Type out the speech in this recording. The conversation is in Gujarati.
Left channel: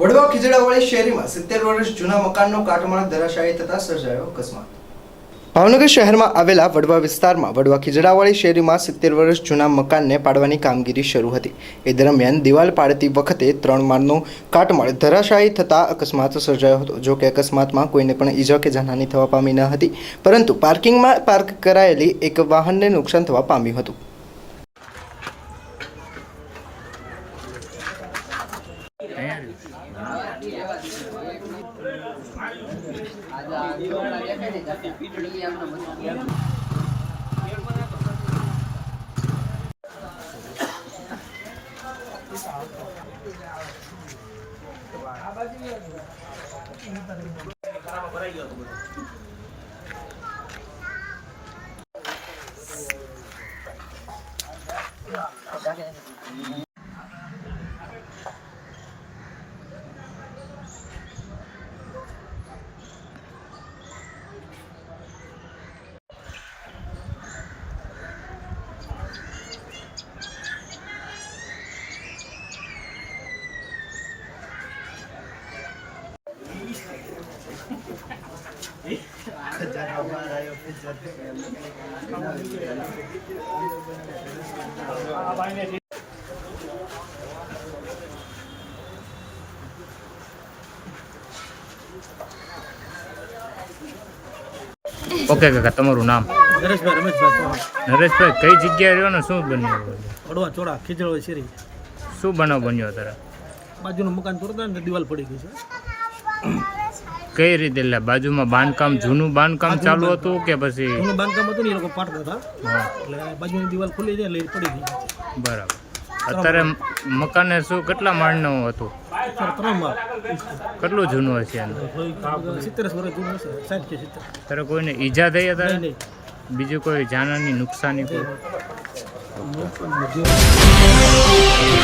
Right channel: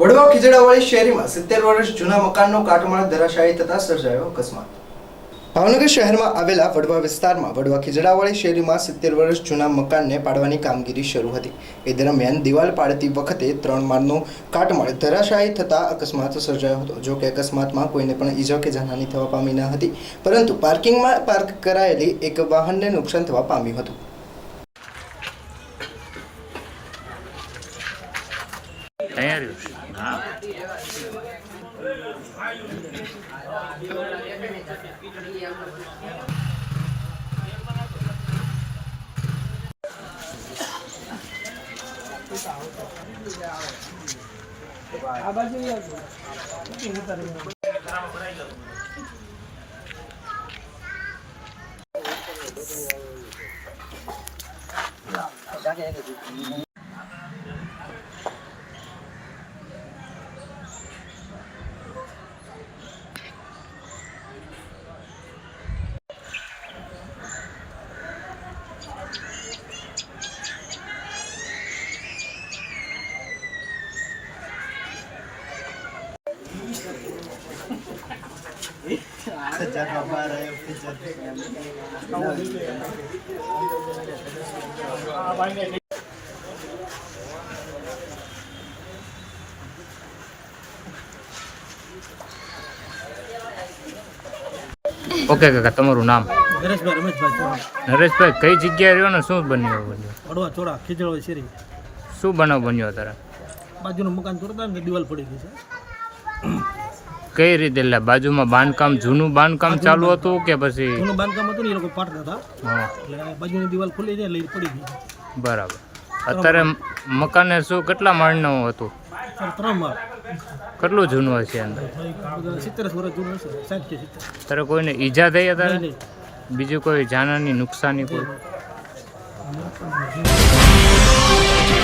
વડવા ખીજડાવાળી શેરીમાં 70 વર્ષ જૂના મકાનનો કાટમાળ ધરાશાયી થતા સર્જાયો અકસ્માત। ભાવનગર શહેરમાં આવેલા વડવા વિસ્તારમાં વડવા ખીજડાવાળી શેરીમાં 70 વર્ષ જૂના મકાનને પાડવાની કામગીરી શરૂ હતી। એ દરમિયાન દિવાલ પાડતી વખતે 3 માળનો કાટમાળ ધરાશાયી થતા અકસ્માત સર્જાયો હતો। જો કે અકસ્માતમાં કોઈને પણ ઈજા કે જાનહાની થવા પામી ન હતી, પરંતુ પાર્કિંગમાં પાર્ક કરાયેલી એક વાહનને નુકસાન થવા પામ્યું હતું। ओके काका तमारू नाम? नरेशभाई रमेशभाई चौहान। नरेशभाई कई जग्या रह्यो ने शुं बन्यो? वडवा चोड़ा खीजड़वाળી શેરી। शुं बनाव बन्यो तारे? बाजूનું મકાન તોડતા ને દિવાલ પડી ગઈ છે। કઈ રીતે? એટલે બાજુમાં બાંધકામ, જૂનું બાંધકામ ચાલુ હતું કે પછી? જૂનું બાંધકામ હતું ને એ લોકો પાડતા હતા, હા, એટલે બાજુની દિવાલ ખુલી જાય એટલે પડી ગઈ। બરાબર। અત્યારે મકાને શું કેટલા માળનું હતું? અત્યારે 3 માળ। કેટલું જૂનું હશે અંદર? 70 વર્ષ જૂનું હશે, 60 કે 70। તારે કોઈને ઈજા થઈ અત્યારે? નહીં। બીજું કોઈ જાનહાની નુકસાની કોઈ? નહીં।